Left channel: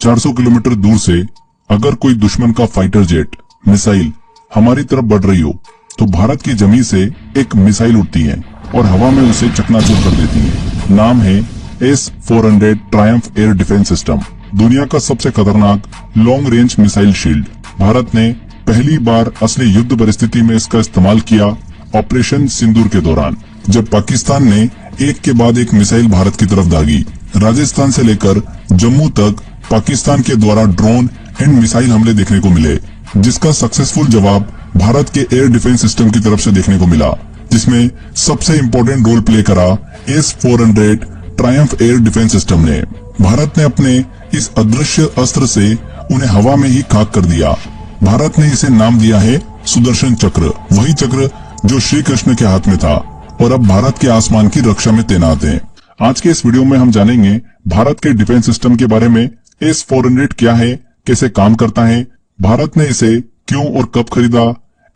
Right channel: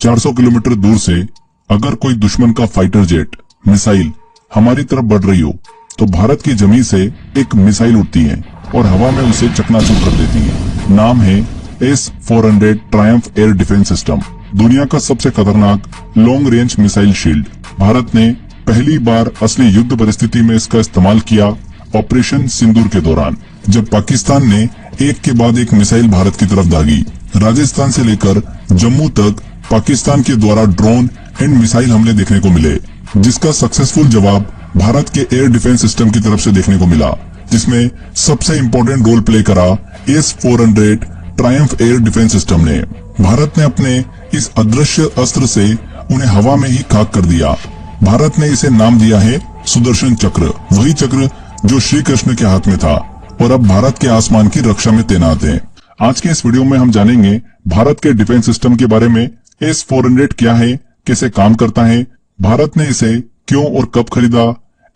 400 kilometre दूर से अगर कोई दुश्मन का फाइटर जेट मिसाइल हमारी तरफ बढ़ रही हो तो भारत की जमीन से एक मिसाइल उठती है और हवा में उसे चकनाचूर कर देती है। नाम है S-400 Triumph air defence system. दुनिया का सबसे खतरनाक long range missile shield. Bharat ने पहली बार असली युद्ध परिस्थिति में इसका इस्तेमाल किया ऑपरेशन सिंदूर के दौरान, जब पाकिस्तान ने एक के बाद एक मिसाइल भारत की तरफ दागी। राजस्थान से लेकर जम्मू तक पाकिस्तान के द्वारा ड्रोन एंड मिसाइल हमले देखने को मिले, जिसका सक्सेसफुल जवाब भारत के एयर डिफेंस सिस्टम की तरफ से देखने को मिला, जिसमें सबसे इम्पोर्टेंट रोल प्ले करा S-400 Triumph air defence system ने। भारत ने अपने इस अदृश्य अस्त्र से उन्हें हवा में ही खाक कर दिया। भारत ने इसे नाम दिया है सुदर्शन चक्र, वही चक्र जो श्री कृष्ण के हाथ में था और अब भारत के आसमान की रक्षा में तैनात है। आज के इस वीडियो में हम जानेंगे भारत के डिफेंस सिस्टम के बारे में। S-400 क्या है, कैसे काम करता है, भारत ने इसे क्यों और कब खरीदा,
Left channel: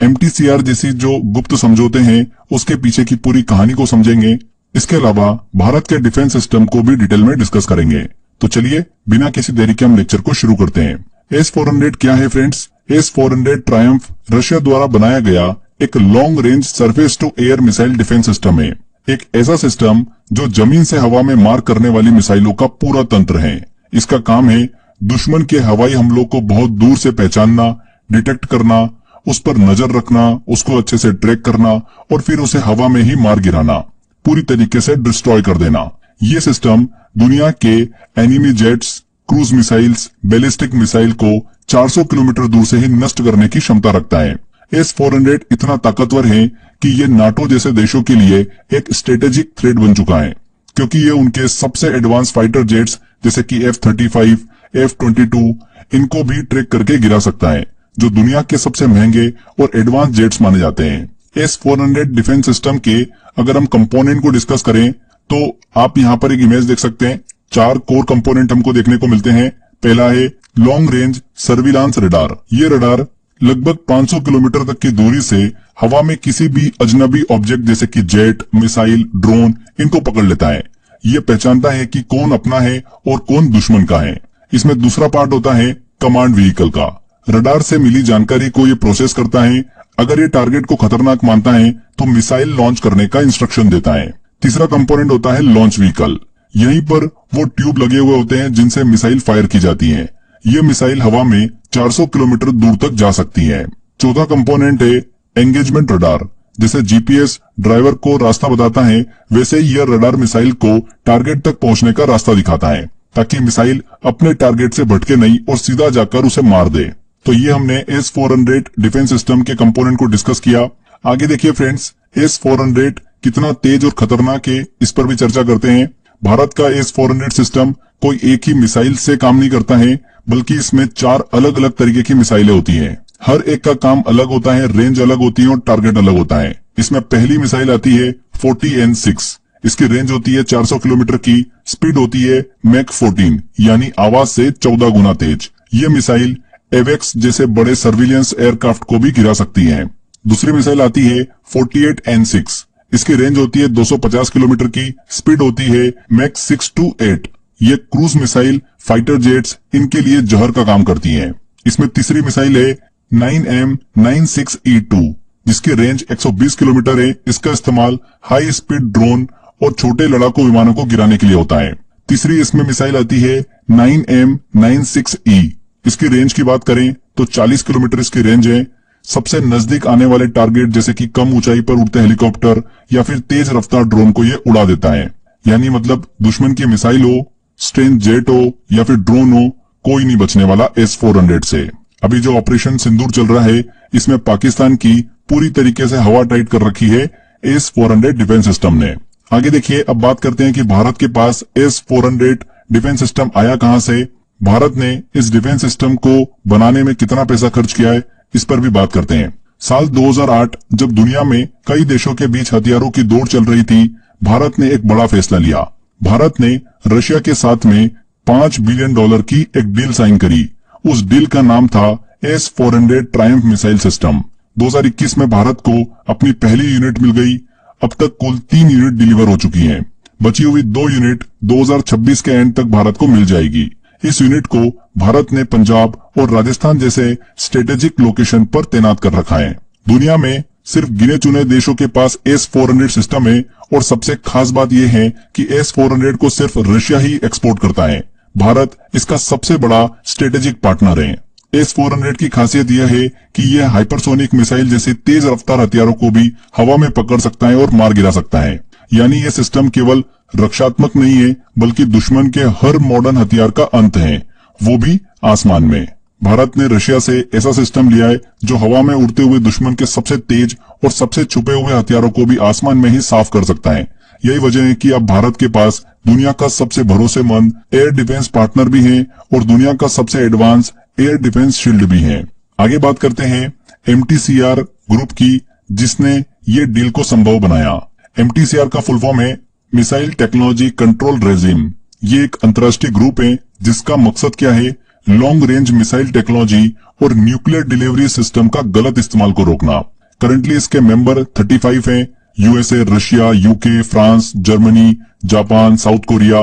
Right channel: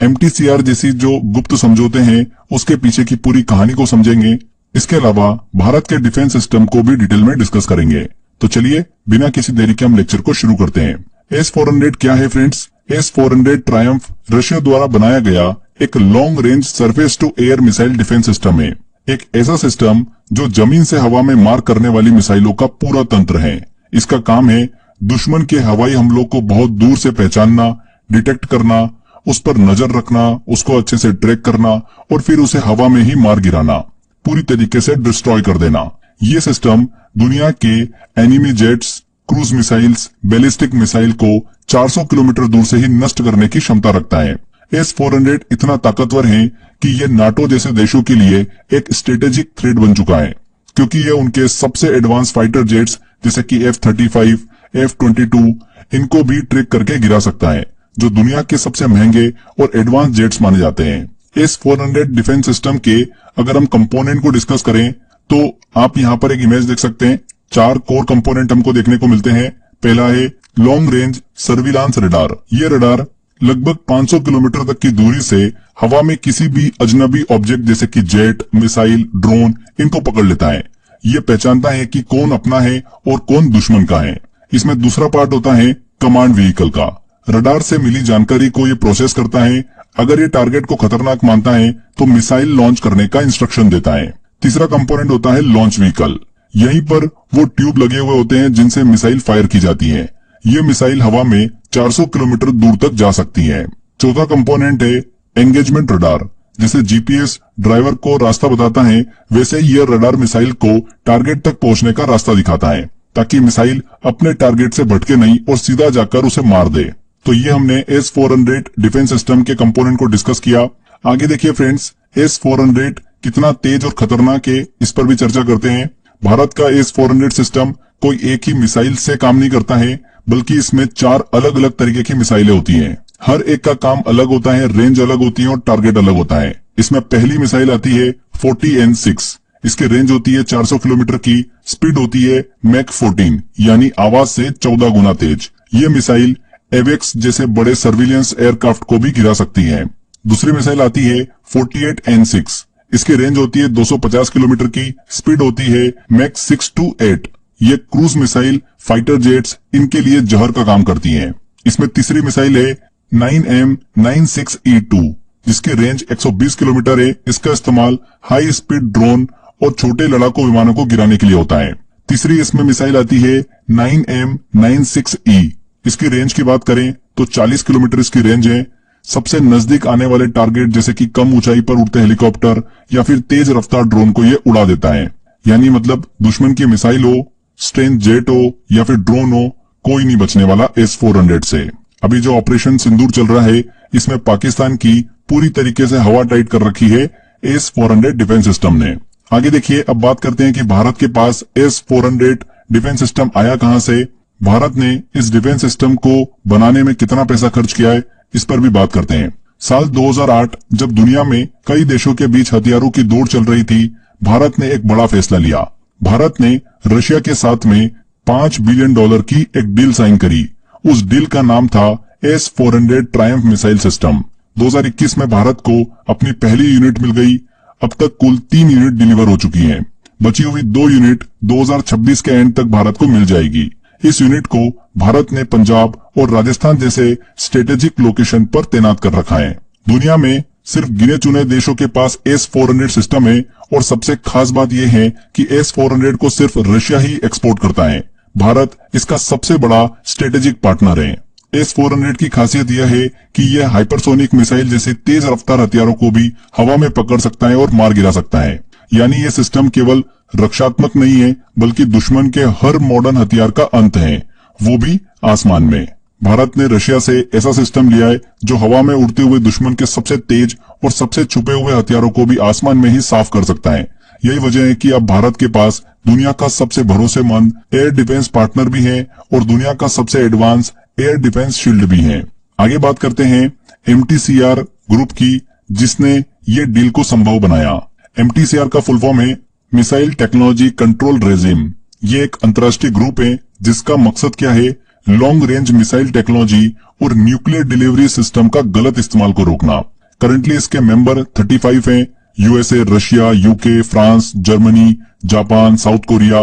MTCR जैसी जो गुप्त समझौते हैं उसके पीछे की पूरी कहानी को समझेंगे। इसके अलावा भारत के डिफेंस सिस्टम को भी डिटेल में डिस्कस करेंगे। तो चलिए बिना किसी देरी के हम लेक्चर को शुरू करते हैं। S-400 क्या है फ्रेंड्स? S-400 ट्रायम्फ रशिया द्वारा बनाया गया एक long range surface to air missile defence system है। एक ऐसा सिस्टम जो जमीन से हवा में मार करने वाली मिसाइलों का पूरा तंत्र है। इसका काम है दुश्मन के हवाई हमलों को बहुत दूर से पहचानना, डिटेक्ट करना, उस पर नजर रखना, उसको अच्छे से ट्रैक करना और फिर उसे हवा में ही मार गिराना, पूरी तरीके से डिस्ट्रॉय कर देना। ये सिस्टम दुनिया के enemy jets, cruise missiles, ballistic missile को 400 किलोमीटर दूर से ही नष्ट करने की क्षमता रखता है। S-400 इतना ताकतवर है कि ये नाटो जैसे देशों के लिए एक स्ट्रेटेजिक थ्रेट बन चुका है, क्योंकि ये उनके सबसे एडवांस फाइटर जेट्स जैसे कि F-35, F-22 इनको भी ट्रैक करके गिरा सकता है, जो दुनिया के सबसे महंगे और एडवांस जेट्स माने जाते हैं। S-400 डिफेंस सिस्टम के अगर हम कंपोनेंट को डिस्कस करें तो आप यहाँ पर एक इमेज देख सकते हैं। 4 कोर कंपोनेंट हमको देखने को मिलते हैं। पहला है लॉन्ग रेंज सर्विलांस रडार। ये रडार लगभग 500 किलोमीटर तक की दूरी से हवा में किसी भी अजनबी ऑब्जेक्ट जैसे कि जेट, मिसाइल, ड्रोन इनको पकड़ लेता है। ये पहचानता है कि कौन अपना है और कौन दुश्मन का है। इसमें दूसरा पार्ट होता है कमांड व्हीकल का। रडार से मिली जानकारी को ये प्रोसेस करता है। अगर ये टारगेट को खतरनाक मानता है तो मिसाइल लॉन्च करने का इंस्ट्रक्शन देता है। तीसरा कंपोनेंट होता है लॉन्च व्हीकल। यहीं पर वो ट्यूब लगे हुए होते हैं जिनसे मिसाइल फायर की जाती है। ये मिसाइल हवा में 400 किलोमीटर दूर तक जा सकती है। चौथा कंपोनेंट है एंगेजमेंट रडार। जैसे GPS ड्राइवर को रास्ता बताता है, वैसे ही यह रडार मिसाइल को टारगेट तक पहुंचने का रास्ता दिखाता है, ताकि मिसाइल अपने टारगेट से भटके नहीं और सीधा जाकर उसे मार दे। तो ये हमने S-400 डिफेंस सिस्टम के कंपोनेंट को डिस्कस किया। आगे देखिए फ्रेंड्स, S-400 कितना तेज और खतरनाक है, इस पर भी चर्चा करते हैं। भारत का S-400 सिस्टम कोई एक ही मिसाइल से काम नहीं करता है, बल्कि इसमें 4 अलग अलग तरीके की मिसाइलें होती हैं। हर एक का काम अलग होता है, रेंज अलग होती है और टारगेट अलग होता है। इसमें पहली मिसाइल आती है 40N6। इसकी रेंज होती है 400 किलोमीटर की, स्पीड होती है मैक 14 यानी आवाज से 14 गुना तेज। ये मिसाइल एवेक्स जैसे बड़े सर्विलियंस एयरक्राफ्ट को भी गिरा सकती है। दूसरी मिसाइल आती है 48N6। इसकी रेंज होती है 250 किलोमीटर की, स्पीड होती है मैक 6 to 8। ये क्रूज मिसाइल, फाइटर जेट्स इनके लिए जहर का काम करती हैं। इसमें तीसरी मिसाइल है 9M96E2, जिसकी रेंज 120 किलोमीटर है। इसका इस्तेमाल हाई स्पीड ड्रोन और छोटे लड़ाकू विमानों को गिराने के लिए होता है। तीसरी इसमें मिसाइल आती है 9M96E। इसकी रेंज की बात करें तो 40 किलोमीटर इसकी रेंज है। सबसे नजदीक आने वाले टारगेट जैसे कि कम ऊंचाई पर उड़ते हेलीकॉप्टर या फिर तेज रफ्तार ड्रोन को ये उड़ा देता है। यानी मतलब दुश्मन की मिसाइल हो, स्ट्रेंथ जेट हो या फिर ड्रोन हो, कोई नहीं बचने वाला S-400 से। अभी जो ऑपरेशन सिंदूर चल रहा है, इसमें पाकिस्तान की पूरी तरीके से हवा टाइट कर रखी है S-400 डिफेंस सिस्टम ने। आगे देखिए, अब बात करते हैं कि भारत के पास S-400 डिफेंस सिस्टम आया कहां से। भारत ने इस डिफेंस सिस्टम को बनाने में कितना पैसा खर्च किया है, इस पर भी बात करते हैं। साल 2008 जब दुनिया में कई देशों के बीच हथियारों की दौड़ चल रही थी, भारत ने एक बड़ा फैसला लिया। भारत ने रशिया के साथ में $5 बिलियन की एक डील साइन करी। उस डील का नाम था S-400 ट्रायम्फ मिसाइल सिस्टम। 2021 में भारत को अपनी पहली यूनिट मिल गई। अब तक कुल 3 यूनिट डिलीवर हो चुकी हैं। बची हुई 2 यूनिट 2026 के एंड तक भारत को मिल जाएगी। इस यूनिट को भारत ने पंजाब और राजस्थान जैसे स्ट्रेटेजिक लोकेशन पर तैनात कर रखा है। दुनिया में सिर्फ गिने चुने देशों के पास S-400 सिस्टम है और सबसे खास बात यह है कि S-400 को सिर्फ रशिया ही एक्सपोर्ट करता है। भारत इसका सबसे बड़ा स्ट्रेटेजिक पार्टनर है। S-400 की खासियत यह है कि यह हाइपरसोनिक मिसाइल जैसे तेज रफ्तार हथियारों को भी हवा में पकड़ सकता है और मार गिरा सकता है। यानी ये सिस्टम केवल रक्षात्मक नहीं है बल्कि दुश्मन के हर मॉडर्न हथियार का अंत है, वो भी आसमान में। भारत ने रशिया से ऐसा सिस्टम लिया है जो हवा में उड़ते हुए दुश्मन के सबसे तेज और सबसे छुपे हुए हथियारों को भी आसमान में ही साफ कर सकता है। यही वजह है कि अब भारत के पास दुनिया का सबसे भरोसेमंद एयर डिफेंस पार्टनर भी है और दुनिया का सबसे एडवांस एयर डिफेंस शील्ड भी है। आगे बात करते हैं MTCR ग्रुप की, जिसने ये डील को संभव बनाया। MTCR का फुल फॉर्म है मिसाइल टेक्नोलॉजी कंट्रोल रेजिम। ये एक अंतर्राष्ट्रीय ग्रुप है जिसका मकसद क्या है, लॉन्ग रेंज मिसाइल टेक्नोलॉजी और न्यूक्लियर डिलीवरी सिस्टम का गलत इस्तेमाल को रोकना। करंटली इसके मेंबर 35 हैं, USA, Russia, UK, France, Germany, Japan, south Korea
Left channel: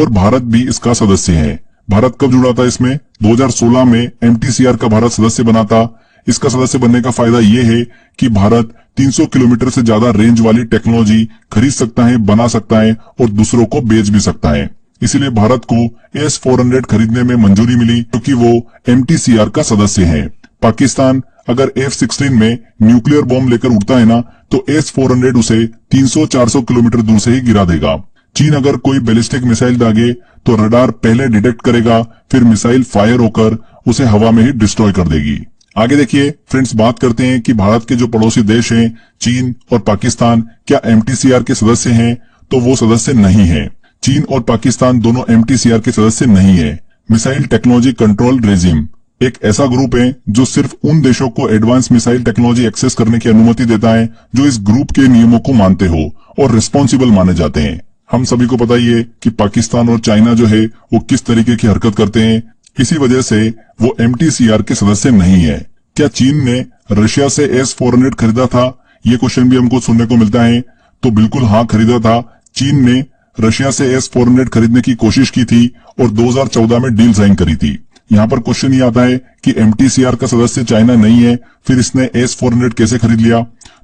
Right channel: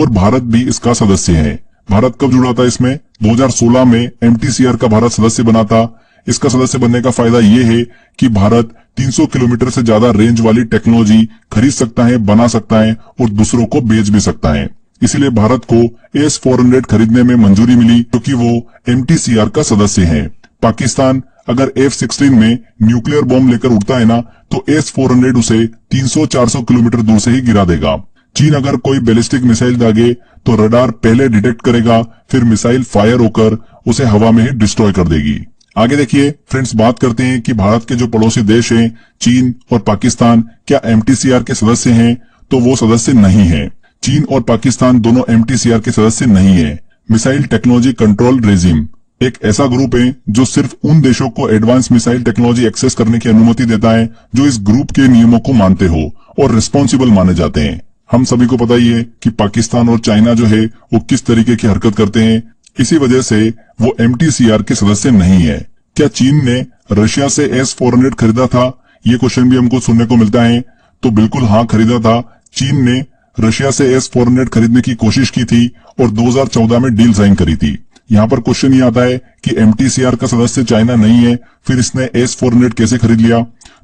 और भारत भी इसका सदस्य है। भारत कब जुड़ा था इसमें? 2016 में MTCR का भारत सदस्य बना था। इसका सदस्य बनने का फायदा ये है कि भारत 300 किलोमीटर से ज्यादा रेंज वाली टेक्नोलॉजी खरीद सकता है, बना सकता है और दूसरों को बेच भी सकता है। इसीलिए भारत को S-400 खरीदने में मंजूरी मिली क्योंकि वो MTCR का सदस्य है। पाकिस्तान अगर F-16 में न्यूक्लियर बॉम्ब लेकर उड़ता है ना, तो S-400 उसे 300-400 किलोमीटर दूर से ही गिरा देगा। चीन अगर कोई बैलिस्टिक मिसाइल दागे तो रडार पहले डिटेक्ट करेगा, फिर मिसाइल फायर होकर उसे हवा में ही डिस्ट्रॉय कर देगी। आगे देखिए फ्रेंड्स, बात करते हैं कि भारत के जो पड़ोसी देश हैं, चीन और पाकिस्तान, क्या MTCR के सदस्य हैं? तो वो सदस्य नहीं है। चीन और पाकिस्तान दोनों MTCR के सदस्य नहीं है। मिसाइल टेक्नोलॉजी कंट्रोल रेजिम एक ऐसा ग्रुप है जो सिर्फ उन देशों को एडवांस मिसाइल टेक्नोलॉजी एक्सेस करने की अनुमति देता है जो इस ग्रुप के नियमों को मानते हो और रिस्पॉन्सिबल माने जाते हैं। हम सभी को पता ही है कि पाकिस्तान और चाइना जो है वो किस तरीके की हरकत करते हैं। इसी वजह से वो MTCR के सदस्य नहीं है। क्या चीन ने रशिया से S-400 खरीदा था? ये क्वेश्चन भी हमको सुनने को मिलता है। तो बिल्कुल हाँ, खरीदा था। चीन ने रशिया से S-400 खरीदने की कोशिश की थी और 2014 में डील साइन करी थी। यहाँ पर क्वेश्चन ये आता है कि MTCR का सदस्य चाइना नहीं है, फिर इसने S-400 कैसे खरीद लिया?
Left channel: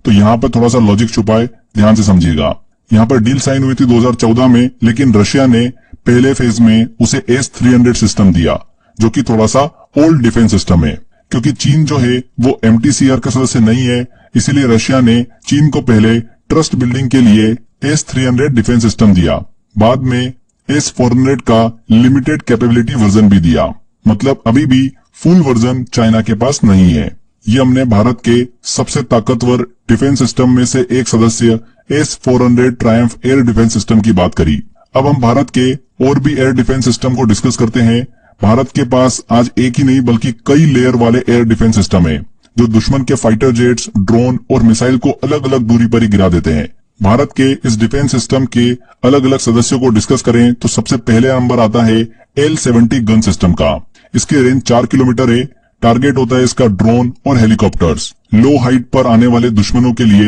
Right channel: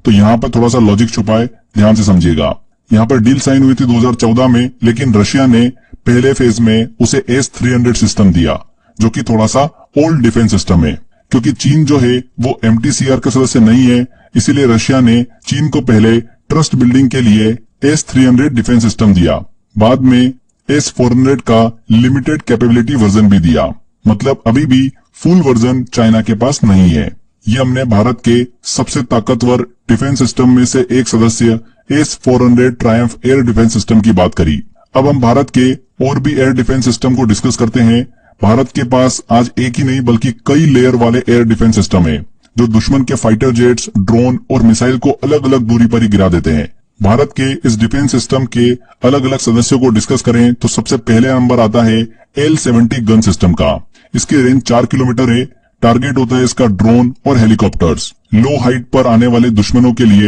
तो यहाँ पर थोड़ा सा लॉजिक छुपा है, ध्यान से समझिएगा। यहाँ पर डील साइन हुई थी 2014 में, लेकिन रशिया ने पहले फेज में उसे S-300 सिस्टम दिया जो कि थोड़ा सा ओल्ड डिफेंस सिस्टम है। क्योंकि चीन जो है वो MTCR का सदस्य नहीं है, इसीलिए रशिया ने चीन को पहले ट्रस्ट बिल्डिंग के लिए S-300 डिफेंस सिस्टम दिया। बाद में S-400 का लिमिटेड कैपेबिलिटी वर्जन भी दिया। मतलब अभी भी फुल वर्जन चाइना के पास नहीं है। ये हमने भारत के सबसे ताकतवर डिफेंस सिस्टम में से एक सदस्य S-400 Triumph air defence system की बात करी। अब हम भारत के और भी एयर डिफेंस सिस्टम को डिस्कस करते हैं। भारत के पास आज एक ही नहीं बल्कि कई लेयर वाले एयर डिफेंस सिस्टम है जो दुश्मन के फाइटर जेट्स, ड्रोन और मिसाइल को अलग अलग दूरी पर ही गिरा देते हैं। भारत के इस डिफेंस सिस्टम के अलग अलग सदस्यों को डिस्कस करें तो सबसे पहले नंबर आता है L-70 गन सिस्टम का। इसकी रेंज 4 किलोमीटर है। टारगेट होता है इसका ड्रोन और हेलीकॉप्टर्स। लो हाइट पर आने वाले दुश्मनों के लिए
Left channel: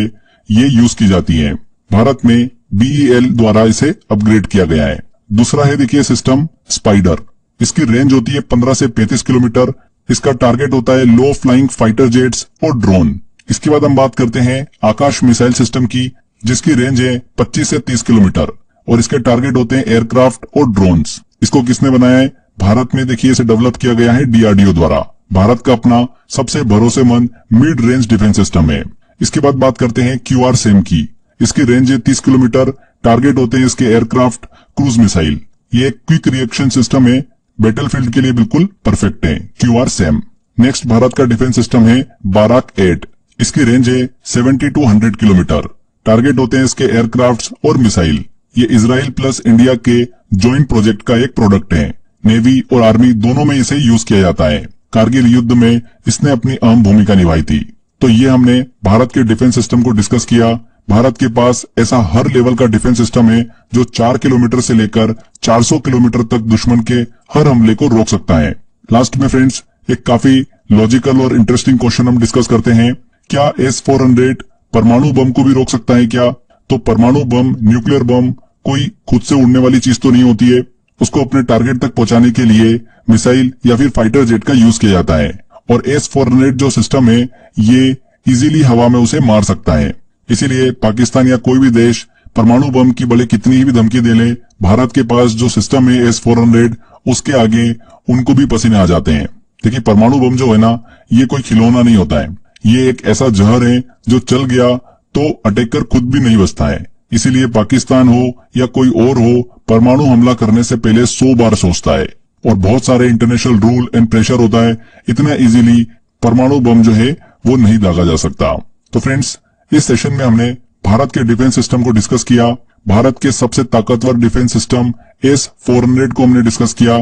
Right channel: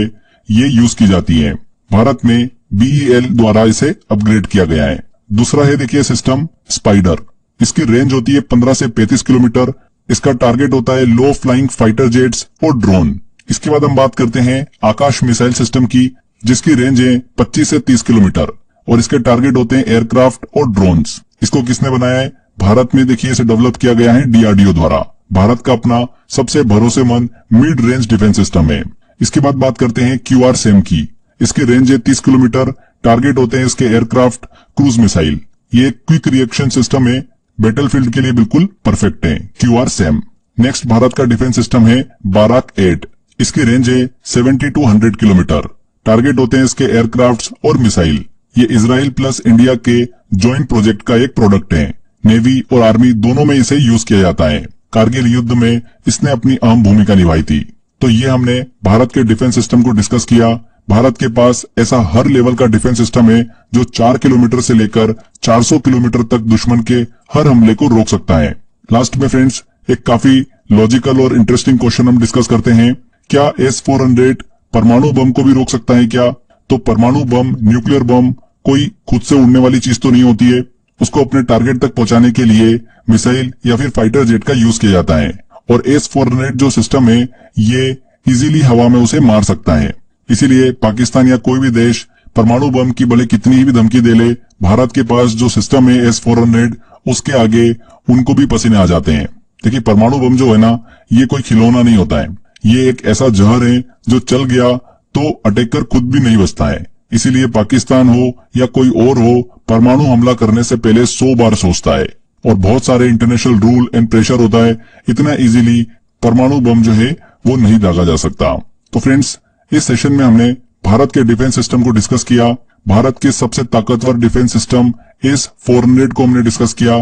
ये यूज की जाती है। भारत में BEL द्वारा इसे अपग्रेड किया गया है। दूसरा है देखिए सिस्टम स्पाइडर। इसकी रेंज होती है 15 से 35 किलोमीटर। इसका टारगेट होता है लो फ्लाइंग फाइटर जेट्स और ड्रोन। इसके बाद हम बात करते हैं आकाश मिसाइल सिस्टम की, जिसकी रेंज है 25 से 30 किलोमीटर और इसके टारगेट होते हैं एयरक्राफ्ट और ड्रोन्स। इसको किसने बनाया है? भारत में देखिए इसे डेवलप किया गया है DRDO द्वारा। भारत का अपना सबसे भरोसेमंद मिड रेंज डिफेंस सिस्टम है। इसके बाद बात करते हैं QRSAM की। इसकी रेंज है 30 किलोमीटर। टारगेट होते हैं इसके एयरक्राफ्ट, क्रूज मिसाइल। ये एक क्विक रिएक्शन सिस्टम है, बैटलफील्ड के लिए बिल्कुल परफेक्ट है QRSAM। नेक्स्ट भारत का डिफेंस सिस्टम है Barak-8। इसकी रेंज है 70 to 100 किलोमीटर। टारगेट होते हैं इसके एयरक्राफ्ट और मिसाइल। ये इजराइल प्लस इंडिया के ज्वाइंट प्रोजेक्ट का एक प्रोडक्ट है। नेवी और आर्मी दोनों में इसे यूज किया जाता है। कारगिल युद्ध में इसने अपनी अहम भूमिका निभाई थी। तो ये हमने भारत के डिफेंस सिस्टम को डिस्कस किया। भारत के पास ऐसा हर लेवल का डिफेंस सिस्टम है जो 4 किलोमीटर से लेकर 400 किलोमीटर तक दुश्मन के हर हमले को रोक सकता है। लास्ट में फ्रेंड्स एक काफी लॉजिकल और इंटरेस्टिंग क्वेश्चन हम डिस्कस करते हैं। क्या S-400 परमाणु बम को भी रोक सकता है क्या? तो परमाणु बम, न्यूक्लियर बम कोई खुद से उड़ने वाली चीज तो नहीं होती है उसको अपने टारगेट तक पहुंचाने के लिए मिसाइल या फिर फाइटर जेट का यूज किया जाता है। और S-400 जो सिस्टम है ये इजीली हवा में उसे मार सकता है। इसीलिए पाकिस्तान या कोई भी देश परमाणु बम की भले कितनी ही भी धमकी दे ले, भारत के पास जो सिस्टम है S-400 उसके आगे उनको भी पसीने आ जाते हैं। देखिए परमाणु बम जो है ना, ये कोई खिलौना नहीं होता है, ये एक ऐसा जहर है जो चल गया तो अटैकर खुद भी नहीं बचता है। इसीलिए पाकिस्तान हो या कोई और हो, परमाणु हमला करने से पहले 100 बार सोचता है और बहुत सारे इंटरनेशनल रूल एंड प्रेशर होता है। इतना इजीली परमाणु बम जो है वो नहीं दागा जा सकता। तो फ्रेंड्स, इस सेशन में हमने भारत के डिफेंस सिस्टम को डिस्कस किया। भारत के सबसे ताकतवर डिफेंस सिस्टम S-400 को हमने डिस्कस किया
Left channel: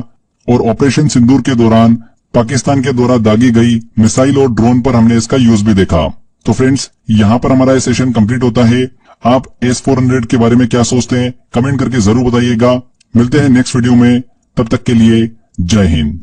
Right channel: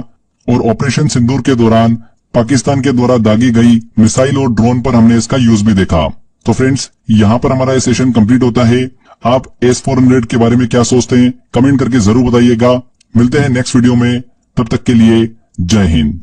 और ऑपरेशन सिंदूर के दौरान पाकिस्तान के द्वारा दागी गई मिसाइल और ड्रोन पर हमने इसका यूज भी देखा। तो फ्रेंड्स, यहाँ पर हमारा ये सेशन कंप्लीट होता है। आप S-400 के बारे में क्या सोचते हैं कमेंट करके जरूर बताइएगा। मिलते हैं नेक्स्ट वीडियो में, तब तक के लिए जय हिंद।